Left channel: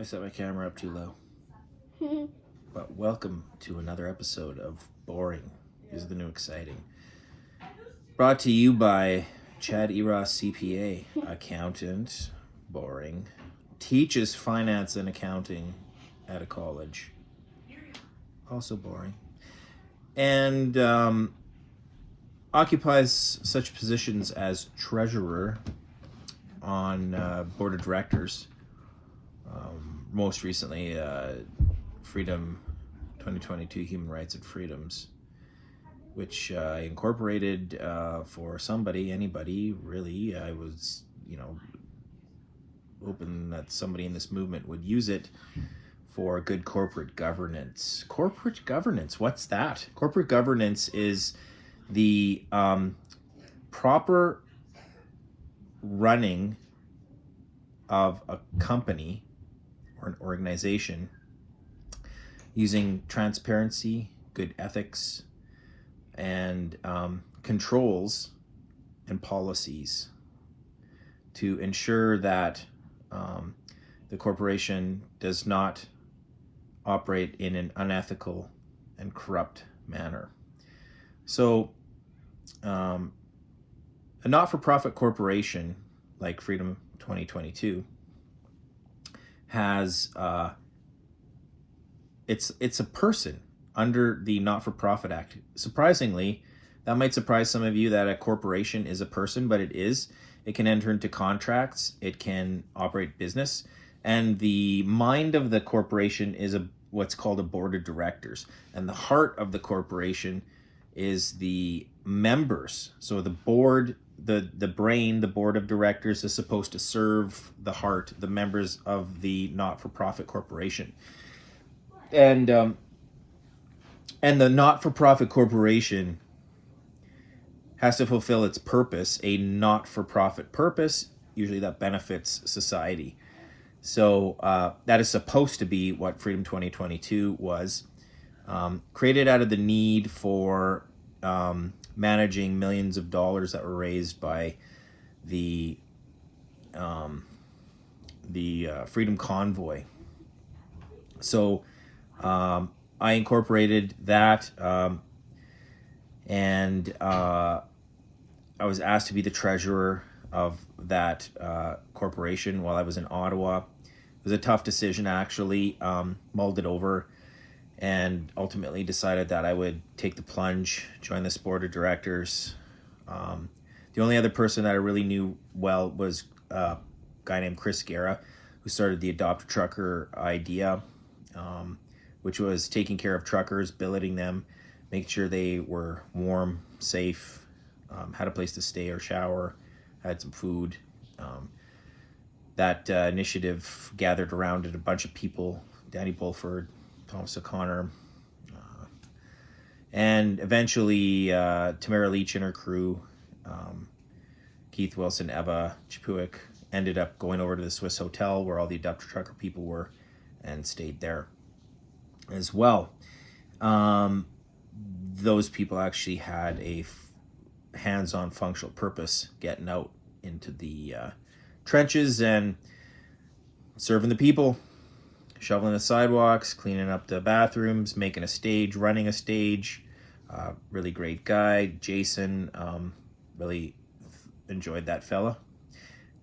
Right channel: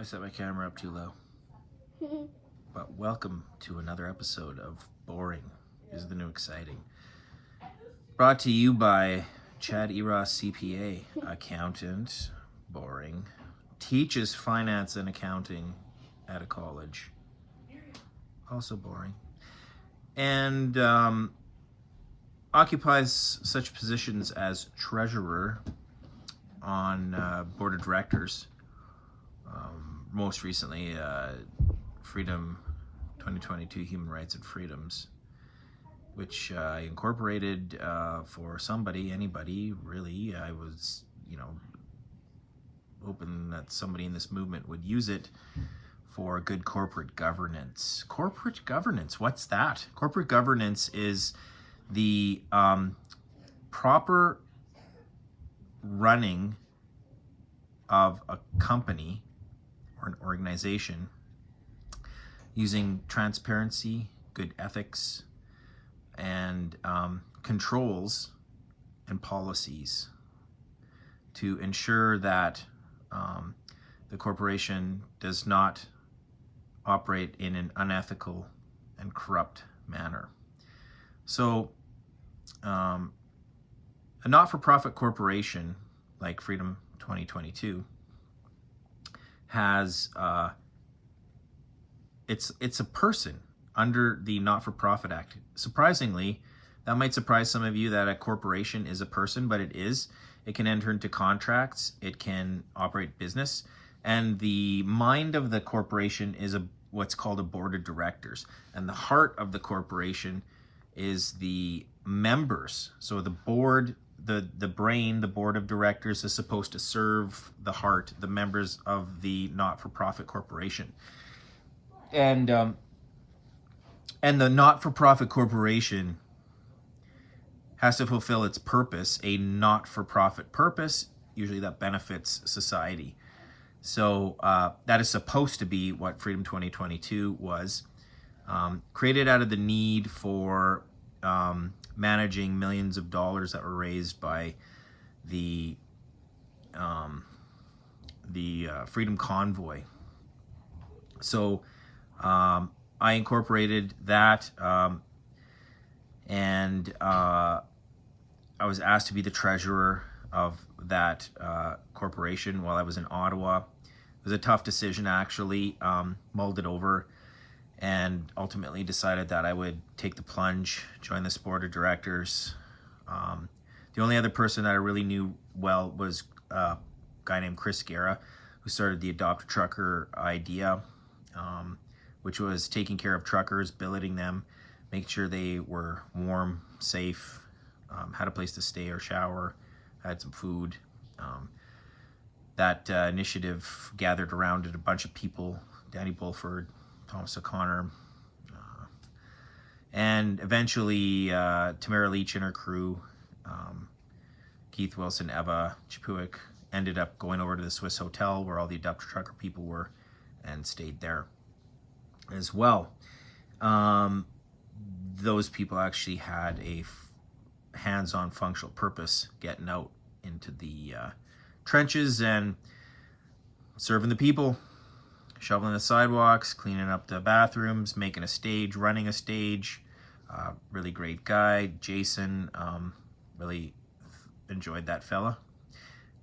I set my camera up too low. But welcome to another episode of Boring is the New Exciting. Brought to you by Chad Eros, CPA, accountant, boring, teaches finance and accounting at a college, also boring, and occupies such positions as treasurer on board of directors. Most recently, Freedom 2022 Human Rights and Freedoms, which I incorporated for anybody, really. I was, hoping that somebody in this movement would use it for good corporate governance. Corporate governance, what's that? Corporate governance is the proper running of a company or an organization using transparency, good ethics, and controls and policies to ensure that the corporation does not operate in an unethical and corrupt manner. So a not-for-profit corporation like Freedom 2022 has it's a person under the Not-for-Profit Act. Surprisingly, that might surprise some of you that a corporation is a person, but it is. It can enter into contracts, it can operate business, and the mind of the corporation is what's called a board of directors, and the heart of the corporation is the members. So the board, the brain, the board of directors is supposed to serve the heart, the members of the not-for-profit corporation. And the not-for-profit corporation has to fulfill its purpose, a not-for-profit purpose, usually that benefits society. So that is supposed to be what Freedom 2022 was. Created out of the need for managing millions of dollars that were raised by the Freedom Convoy. So I incorporated that, and I was asked to be the treasurer of that corporation while I was in Ottawa. It was a tough decision, actually. Mulled it over and ultimately decided that I would take the plunge, join this board of directors. The only other person that I really knew well was a guy named Chris Guerra, who started the Adopt a Trucker idea, which was taking care of truckers, billeting them, making sure they were warm, safe, had a place to stay or shower, had some food. That initiative gathered around it a bunch of people: Danny Bulford, Thomas O'Connor, and eventually Tamara Leach and her crew, Keith Wilson, Eva Chipuik, ended up going over to the Swiss Hotel where all the Adopt a Trucker people were and stayed there as well. Those people actually had a hands-on functional purpose, getting out into the trenches and serving the people, shoveling the sidewalks, cleaning up the bathrooms, making a stage, running a stage. Really great guy, Jason. Really enjoyed that fella.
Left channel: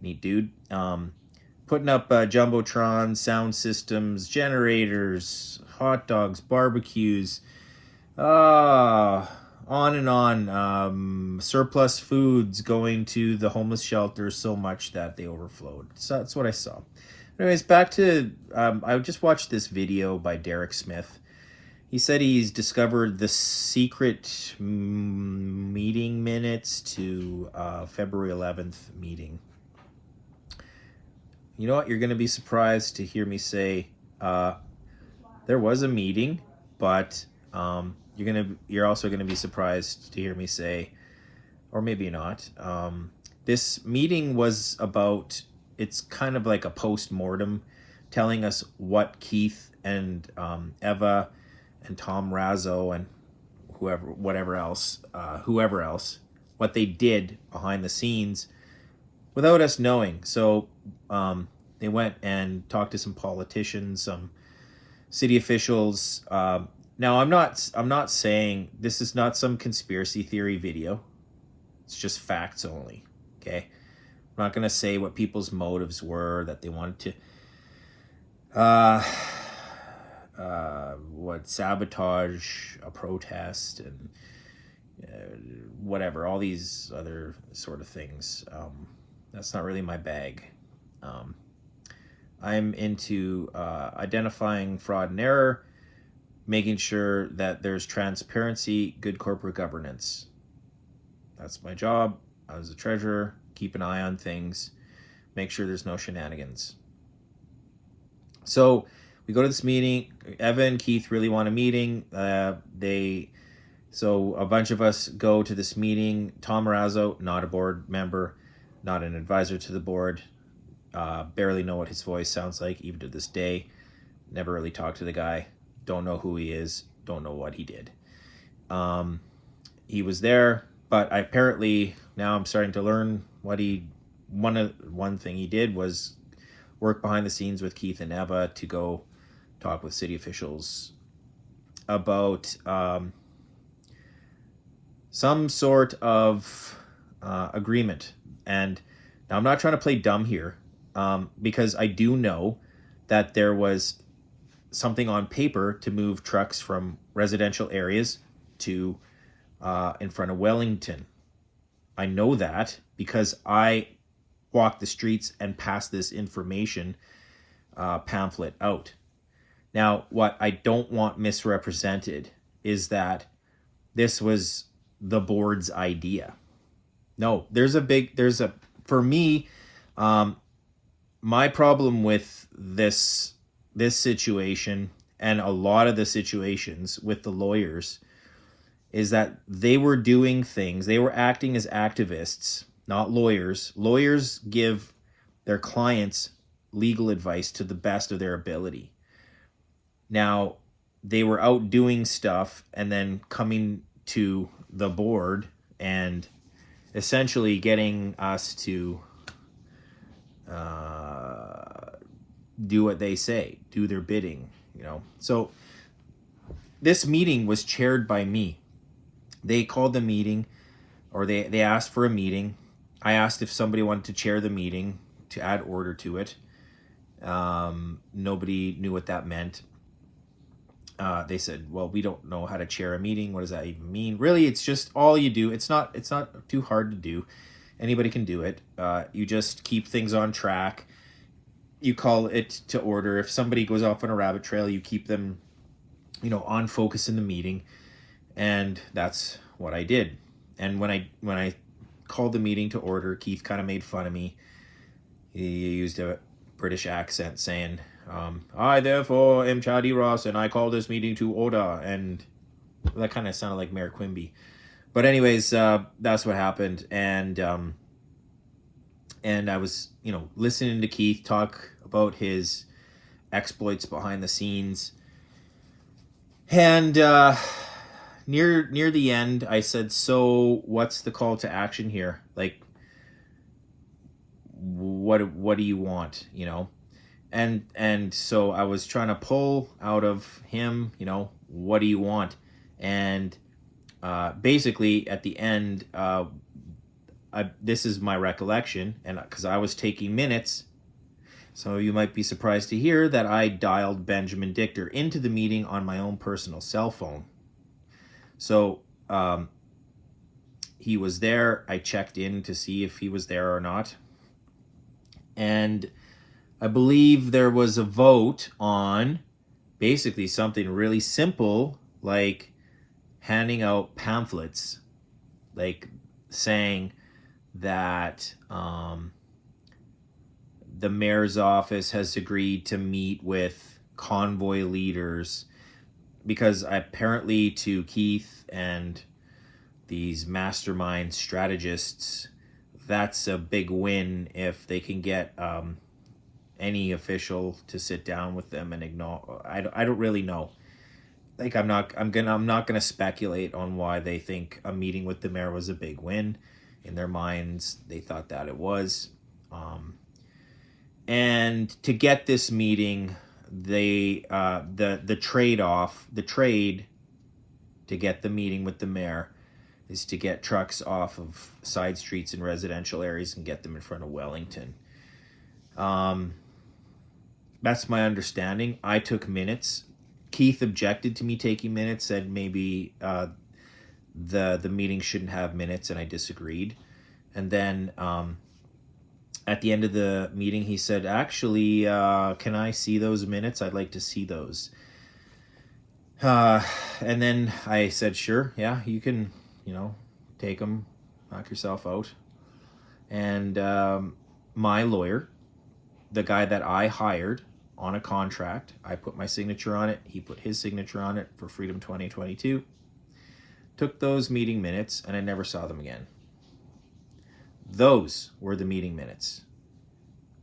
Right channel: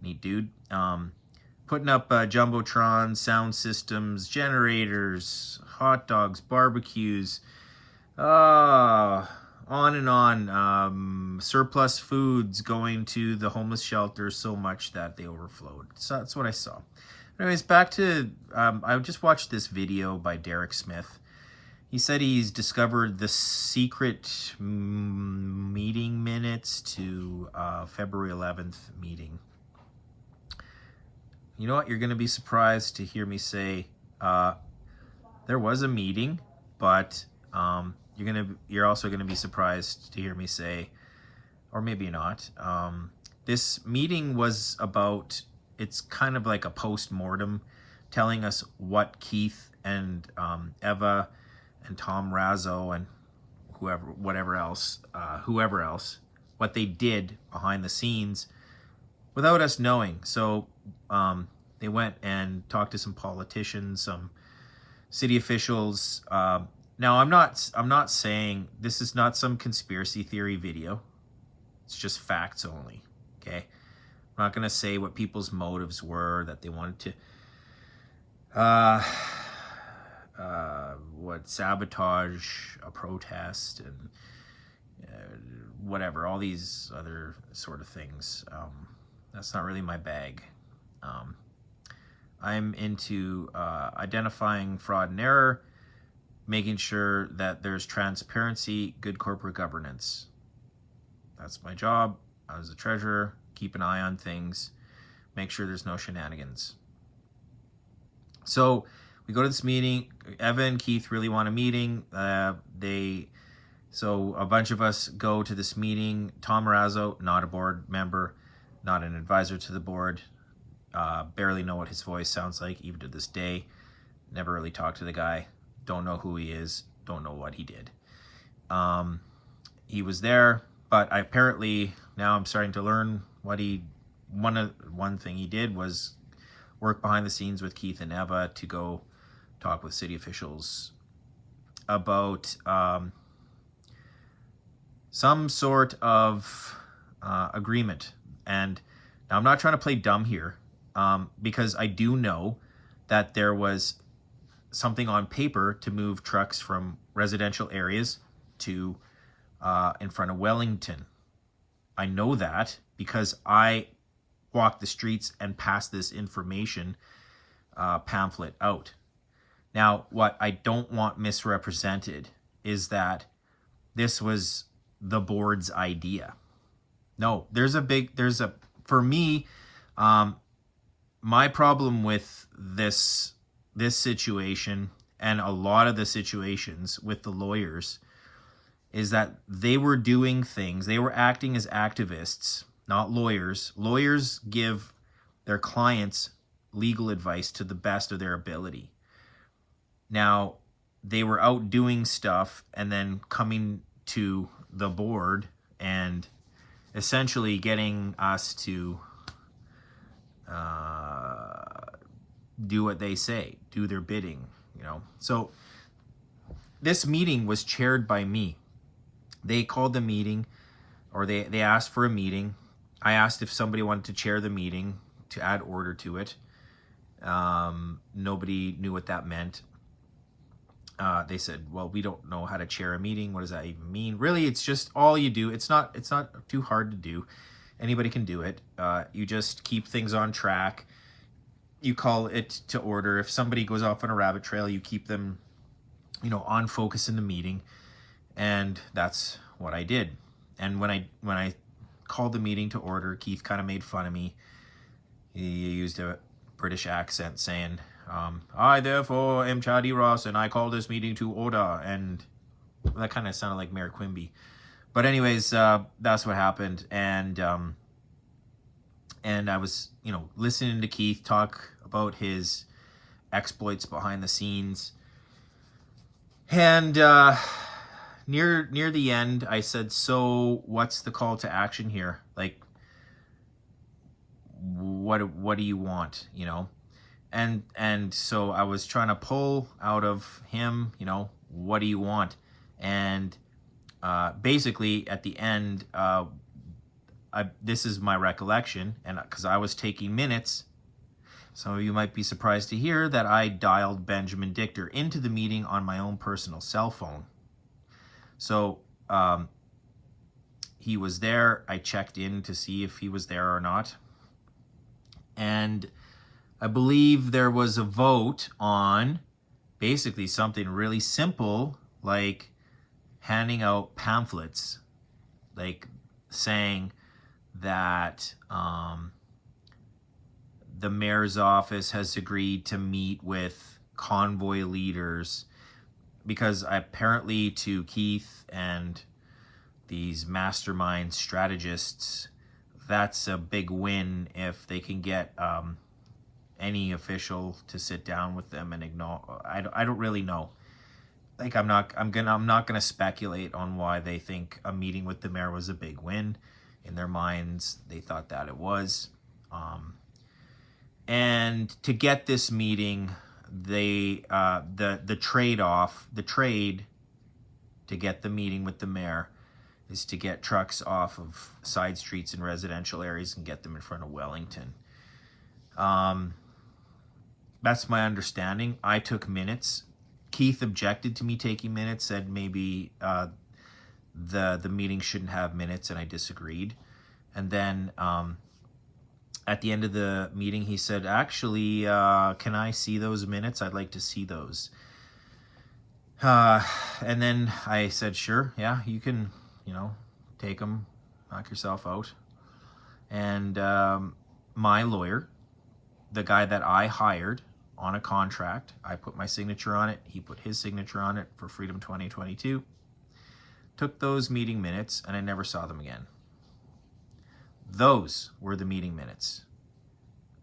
Neat dude. Putting up Jumbotron, sound systems, generators, hot dogs, barbecues, on and on. Surplus foods going to the homeless shelters so much that they overflowed. So that's what I saw. Anyways, back to, I just watched this video by Derek Smith. He said he's discovered the secret meeting minutes to February 11th meeting. You know what? You're going to be surprised to hear me say there was a meeting, but you're also going to be surprised to hear me say, or maybe not, this meeting was about, it's kind of like a post-mortem telling us what Keith and Eva and Tom Razzo and whoever else, what they did behind the scenes without us knowing. So They went and talked to some politicians, some city officials. Now, I'm not saying this is not some conspiracy theory video. It's just facts only. Okay, I'm not gonna say what people's motives were, that they wanted to sabotage a protest and whatever, all these other sort of things. That's not really my bag. I'm into identifying fraud and error, making sure that there's transparency, good corporate governance. That's my job. I was the treasurer, keep an eye on things, make sure there's no shenanigans. So we go to this meeting. Evan, Keith really want a meeting. So a bunch of us go to this meeting. Tom Marazzo, not a board member, not an advisor to the board. Barely know what his voice sounds like, even to this day. Never really talked to the guy. Don't know who he is. Don't know what he did. He was there, but apparently now I'm starting to learn what one thing he did was work behind the scenes with Keith and Eva to go talk with city officials about some sort of agreement. And now I'm not trying to play dumb here, because I do know that there was something on paper to move trucks from residential areas to in front of Wellington. I know that because I walked the streets and passed this information pamphlet out. Now, what I don't want misrepresented is that this was the board's idea. No, for me, my problem with this situation and a lot of the situations with the lawyers is that they were doing things, they were acting as activists, not lawyers. Lawyers give their clients legal advice to the best of their ability. Now, they were out doing stuff and then coming to the board and essentially getting us to do what they say, do their bidding, So this meeting was chaired by me. They called the meeting, or they asked for a meeting. I asked if somebody wanted to chair the meeting to add order to it. Nobody knew what that meant. They said, well, we don't know how to chair a meeting. What does that even mean? Really, it's just all you do. It's not too hard to do. Anybody can do it. You just keep things on track. You call it to order. If somebody goes off on a rabbit trail, you keep them, on focus in the meeting. And that's what I did. And when I called the meeting to order, Keith kind of made fun of me. He used a British accent saying, I therefore am Chadi Ross and I call this meeting to order. And that kind of sounded like Mayor Quimby. But anyways, that's what happened. And I was, listening to Keith talk about his exploits behind the scenes. And near the end, I said, so what's the call to action here? Like, what do you want, And so I was trying to pull out of him, what do you want? And basically at the end, this is my recollection, and because I was taking minutes, so you might be surprised to hear that I dialed Benjamin Dichter into the meeting on my own personal cell phone. So he was there. I checked in to see if he was there or not. And I believe there was a vote on basically something really simple, like handing out pamphlets, like saying that the mayor's office has agreed to meet with convoy leaders, because apparently to Keith and these mastermind strategists, that's a big win if they can get any official to sit down with them and ignore. I don't really know. Like, I'm not gonna speculate on why they think a meeting with the mayor was a big win. In their minds, they thought that it was. And And to get this meeting, the trade to get the meeting with the mayor is to get trucks off of side streets and residential areas and get them in front of Wellington. That's my understanding. I took minutes. Keith objected to me taking minutes, said maybe the meeting shouldn't have minutes, and I disagreed. And then at the end of the meeting, he said, actually, can I see those minutes? I'd like to see those. And then I said, sure, yeah, you can, take them, knock yourself out. And my lawyer, the guy that I hired on a contract, I put my signature on it, he put his signature on it for Freedom 2022, took those meeting minutes, and I never saw them again. Those were the meeting minutes.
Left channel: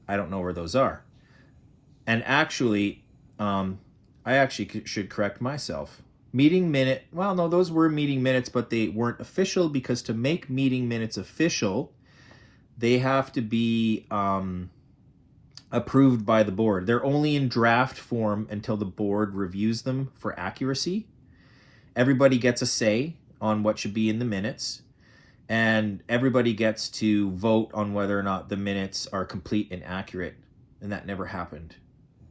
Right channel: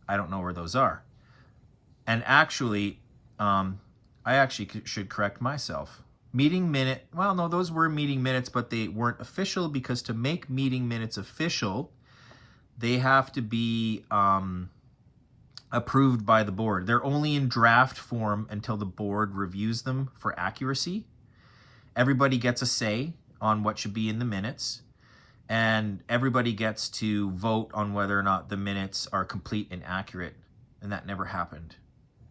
I don't know where those are. And actually, I actually should correct myself. Those were meeting minutes, but they weren't official, because to make meeting minutes official, they have to be approved by the board. They're only in draft form until the board reviews them for accuracy. Everybody gets a say on what should be in the minutes, and everybody gets to vote on whether or not the minutes are complete and accurate, and that never happened.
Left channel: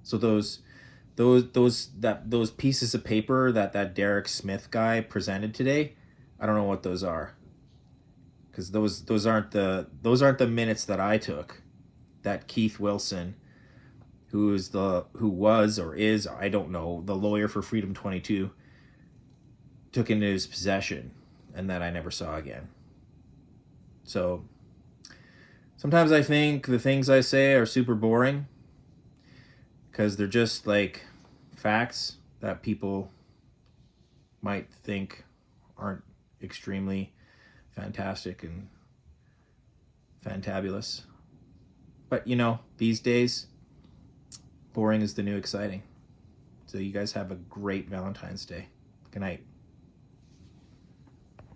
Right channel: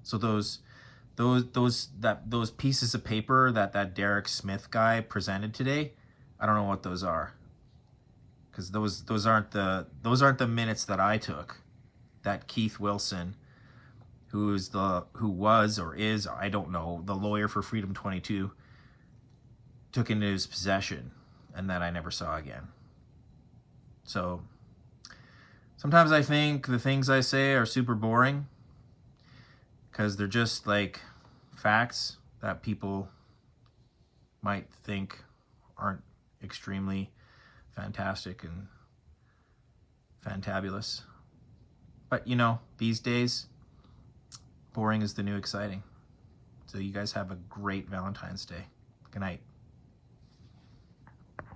So those pieces of paper that Derek Smith guy presented today, I don't know what those are, because those aren't the minutes that I took, that Keith Wilson, who was or is, I don't know, the lawyer for Freedom 22, took into his possession, and that I never saw again. So sometimes I think the things I say are super boring, because they're just like facts that people might think aren't extremely fantastic and fantabulous. But these days, boring is the new exciting. So you guys have a great Valentine's Day. Good night.